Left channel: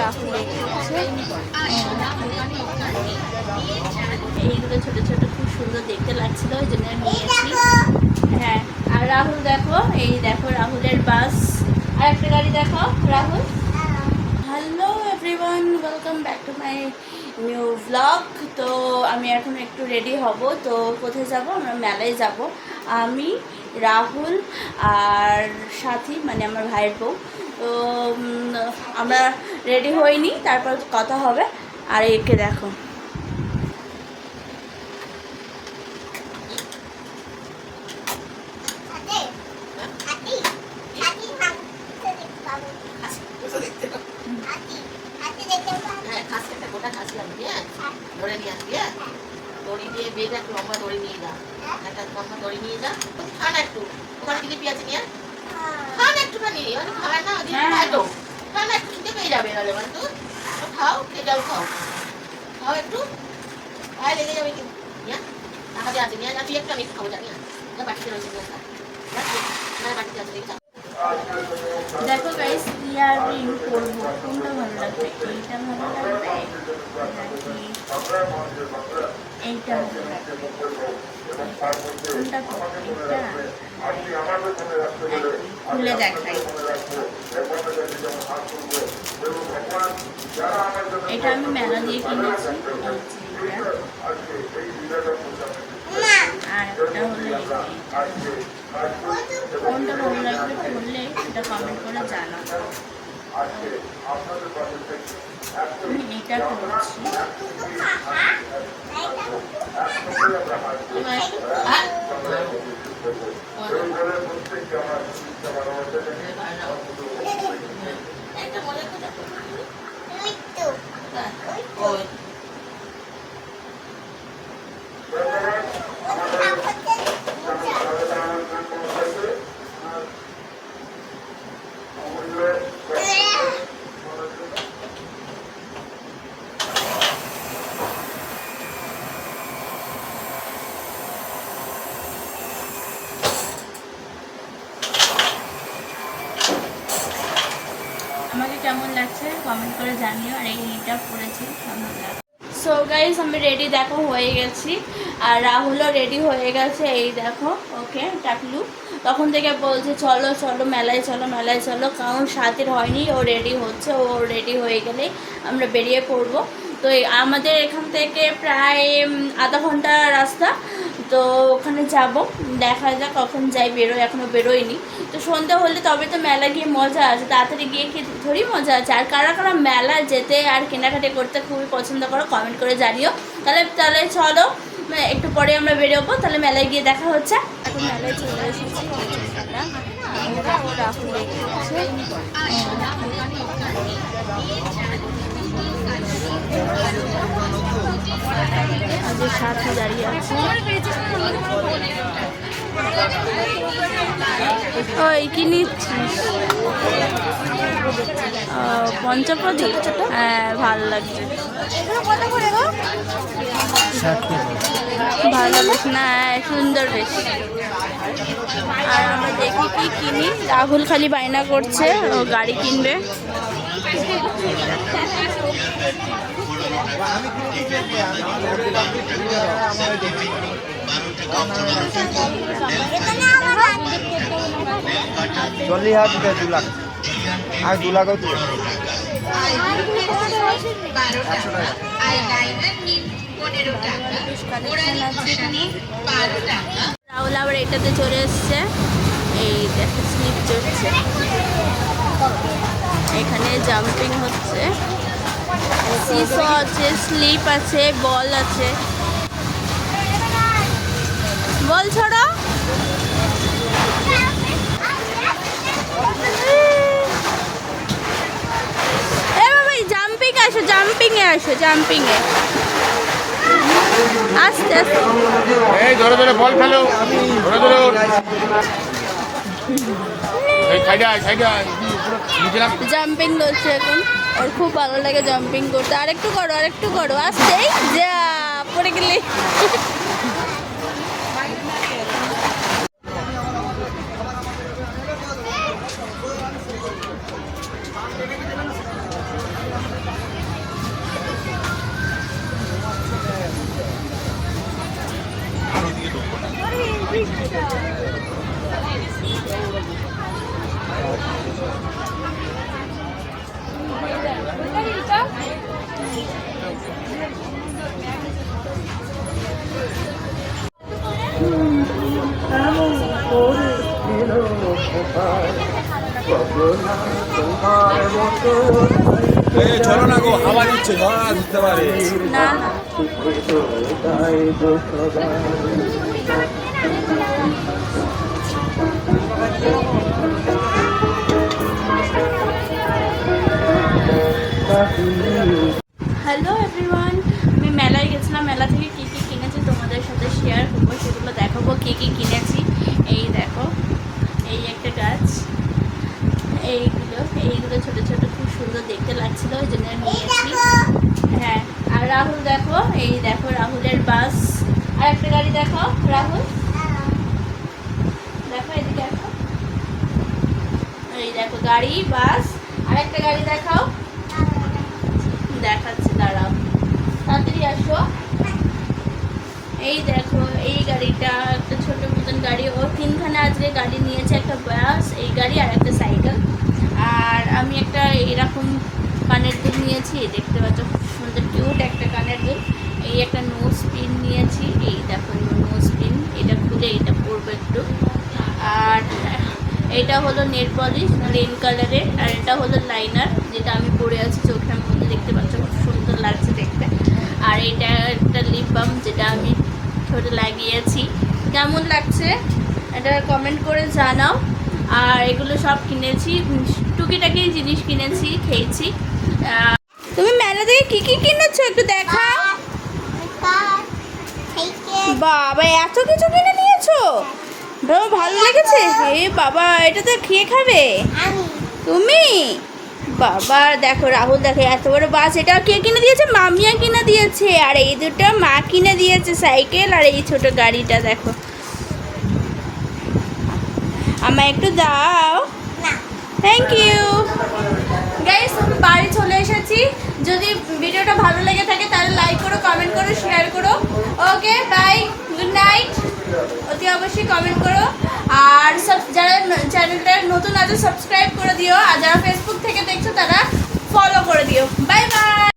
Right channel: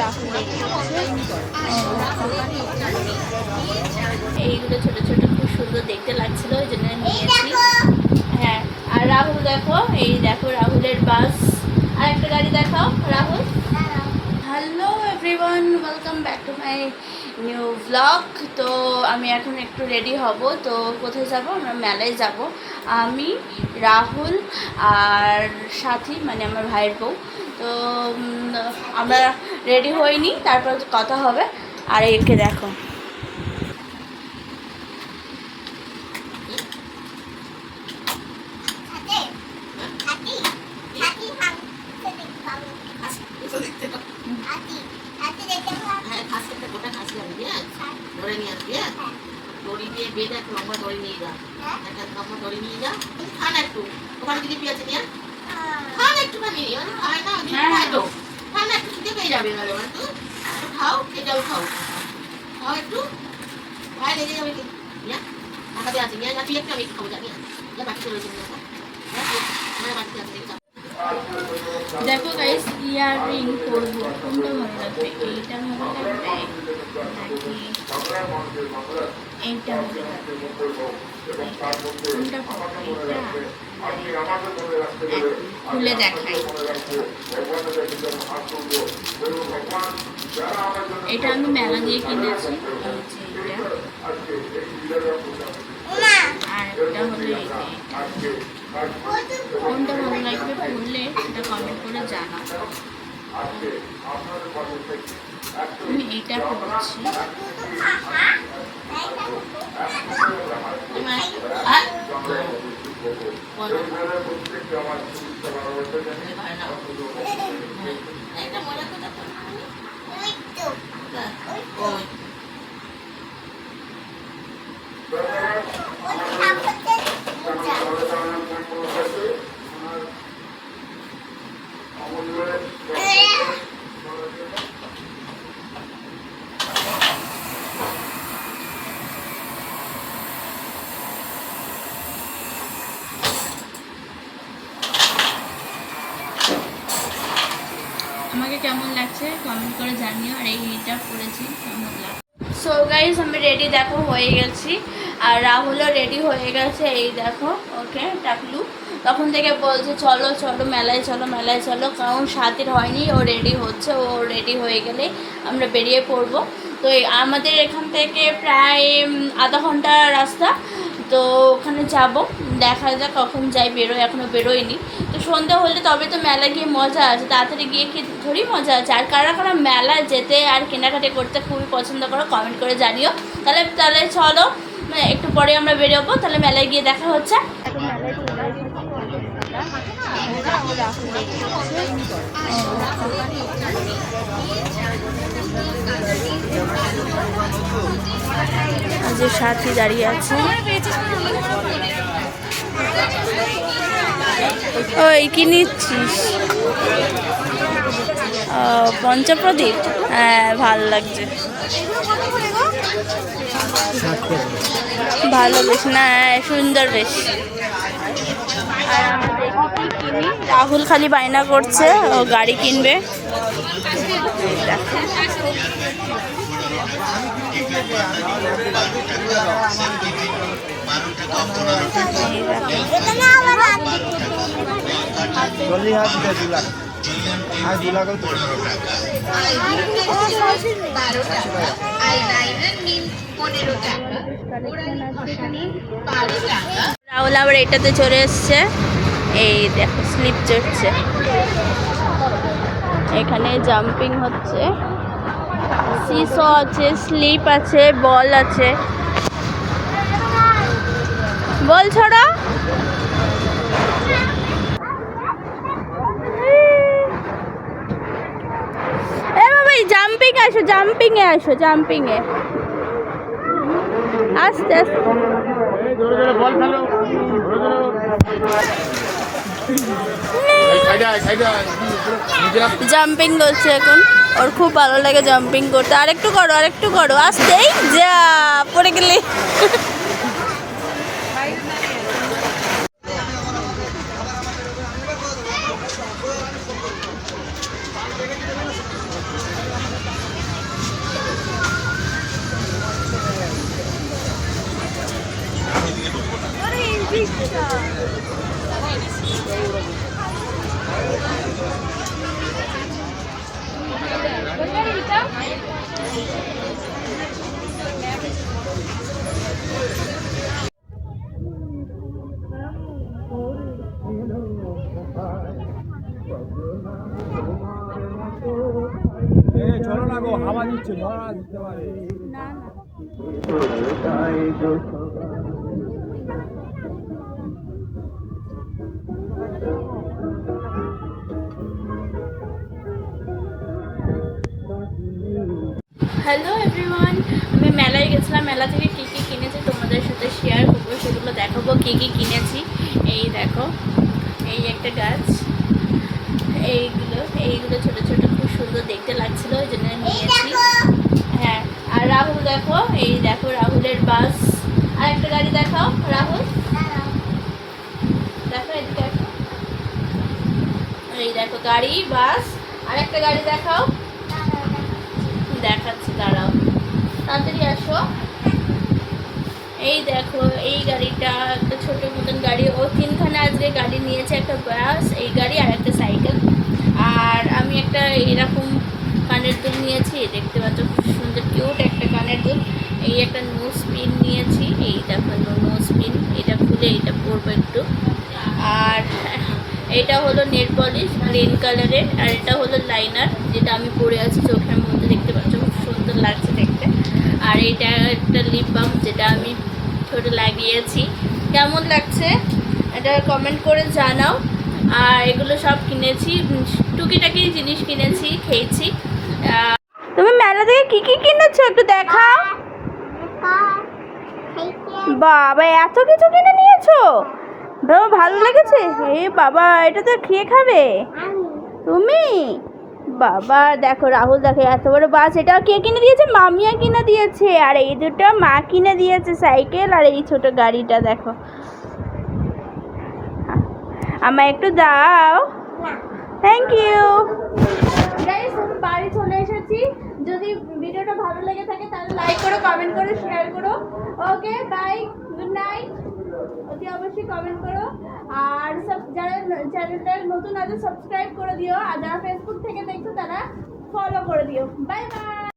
রাহুল এইগুলো ছোট ছোট খুব সুন্দর দেখতে লাগছিল, ওই জন্য নিয়েছি। হ্যাঁ, আর রাহুল দেখো, এই দেখো রাহুলের বাস। আর একটা গাড়ি দেখাও Rahul. Hello everyone, welcome back to my new blog. তো আমি এখন একটু রেডি হব। তো কোথায় যাব? আমরা মেলায় যাব। আমি, রাহুল আর সাথী, মানে আমার ভাইয়ের বউ। তো আমরা রেডি হইনি, তারপর কথা হবে। আর একে দেখো, ধরে নিয়ে আসবি, হ্যাঁ দড়ি দিয়ে বেঁধে একটু লম্বা দড়ি নিয়ে যা, একটা লম্বা দড়ি নিয়ে যা। খান একটু, ওখানে জিলিপি আছে নিয়ে খান একটুখানি, মানে খায় না খায় তো, খান একটু শুনতে পেয়ে যাবে। এবারে একটু খাও, খেয়ে যাও, খাও খাও একটু, ভাই লেগে যাবে কিন্তু। নিয়ে টাকাতে আছে নিয়ে যা, তুই একটু আমি একটু খাবো, জানি যা বাটিতে রয়েছে নিয়ে আসা, বাটিতে আছে দেখি। দেখো গাইস, ইয়াররিং করবো, কোনটা ভালো লাগবে? এইটা ভালো লাগবে নাকি এইটা ভালো লাগবে? কোনটা এটা খুলে দেখাই। এটা আমি মেলা দিয়ে কিনেছি, এই যে এটা। আর একটা হলো এইটা। কোনটা ভালো লাগবে বললে সেটা কমেন্ট করে জানাও। আমি এইটা করছি। আমাকে কেমন লাগছে কমেন্ট করে জানিও। আর এইটা পরেছি কেমন লাগছে। সো গাইস, আমি রেডি দেখো হয়ে গেছি, আর রাহুলও রেডি হয়ে গেছে। এই দেখো, ওকে টাকলু তখন থেকে বলছে চলো চলো মেলায় চলো, মেলায় চলো। কারণ সাথীর হয়নি, ও রেডি হচ্ছে, ও রেডি হয়ে গেলে আমরা বেরিয়ে পড়বো। তো আমাদের এখান থেকে প্রায় আধা ঘন্টা রাস্তা। তো ওখানে যাব, দেখা যাক কখন যাই, বেরোয়, এখনও বেরোয়নি। তো সন্ধ্যা হলে তবে তো মেলা গিয়ে মজা আছে, তাড়াতাড়ি গিয়ে কি থোড়ি মজা আছে। আর কারা কারা মেলা যেতে আর কেনাকাটি করতে খুবই পছন্দ করো কমেন্ট করে জানিও। তাহলে চলো, একটু পরে আমরা বেরোবো, তাহলে মেলায় গিয়ে দেখা হচ্ছে। এখন মেলায় চলে এসেছি, যে সাথী দাঁড়িয়ে আছে। ওই কি নিচ্ছিস? পঞ্চপ্রদীপ, হ্যাঁ ভালো লাগছে, ভালো বেশ, না সুন্দর বেশ। আর আমরা দেখি কি কিনি। রাহুল খালি বায়না করছে ও গাড়ি কিনবে। রাহুল আবার এটাতে চলে এসছে, এই দেখো স্লিপ চড়ছে, এখানে জাম্পিং হচ্ছে, সিসো আছে, স্লিপ আছে, বল আছে। বল ছড়া, জাম্পিং আসো, জাম্পিংয়ে আসো, জাম্পিংয়ে আস্তে আস্তে। জাম্পিং করছে এখন, ওর খুব ভালো লাগে জাম্পিং করতে। আরেকটু করো, আরেকটু করো, আস্তেই যা পড়ে গেলে। চলো না গো, হাওয়া নিচ্ছে, ঝড় দিতে পারে। না না হ্যালো এভরিওয়ান, আমি মেলায় গেছিলাম। মেলা থেকে কী কী কিনেছি তোমাদের সাথে শেয়ার করবো, সেগুলো দেখাবো কী কী কিনেছি। এই দেখো, এই একটা গাছ, এইগুলো ছোট ছোট খুব সুন্দর দেখতে লাগছিল, ওই জন্য নিয়েছি। হ্যাঁ, আর রাহুল দেখো, এই দেখো রাহুলের বাস। আর একটা গাড়ি দেখাও রাহুল, দেখো এদিকে দেখো, এই দেখো গাড়ি বাস। আর একটা গাড়ি দেখাও, দেখাচ্ছি দাঁড়াও, তাড়াতাড়ি আসো। এই দেখো এই গাড়িটা একটা ছোট মতন গাড়ি, ও তিনখানা আজকে গাড়ি নিয়েছে, একটা বাস, এই গাড়ি আর একটা সাইকেল। আর আমি একটা এরকম কানের দুল নিয়েছি, দেখতে পাচ্ছ খুব সুন্দর কিউট একটা কানের দুল। এই একটা নোজ পিন নিয়েছি, এই দেখো নোজ পিন, এটা খুলে এটা পরবো একটু। আর এটা হলো নেল পলিশ গ্রিন কালারের, আর এটা হলো লাইনার যেটা আমি পরে আছি চোখের মধ্যে, দেখতে পাচ্ছ খুব সুন্দর লাগছে দেখতে। আর এটা একটা লিপ বাম যেটা আমি ঠোঁটে লাগিয়েছি, কেমন লাগছে এটা কমেন্ট করে জানাও। আর এগুলো সব কিনেছি, টুকিটাকি জিনিস কিনেছি, খেয়েছি। তুমি মেলা থেকে কি কি কিনেছো একটু দেখাও। বাবা এত কিছু কিনে নিয়েছো, বাবা ভালো লেগেছে। এ বাবা, এটা তো খেয়ে খাবে তুমি। বাবা দেখো রাহুল দেখো এত বড় বাস, এটা কে কিনে দিয়েছে? মামিয়া কিনে দিয়েছে। আর এই দুটো মা কিনে দিয়েছে, সাইকেল। আর এই ছোট গাড়িটা দেখো, আমায় একটু দাও। থ্যাংক ইউ গাইস, আমি বাড়ি চলে এসেছি। যদি ভিডিওটা ভালো লেগে থাকে তাহলে লাইক করো, কমেন্ট করো, শেয়ার করো। Okay bye, good night. অতি অবশ্যই কমেন্ট করো। আর যারা চ্যানেলটা নতুন আছে সাবস্ক্রাইব করে দিও, আর যারা ফেসবুক থেকে দেখছো তারা ফলো করে দিও। Bye bye.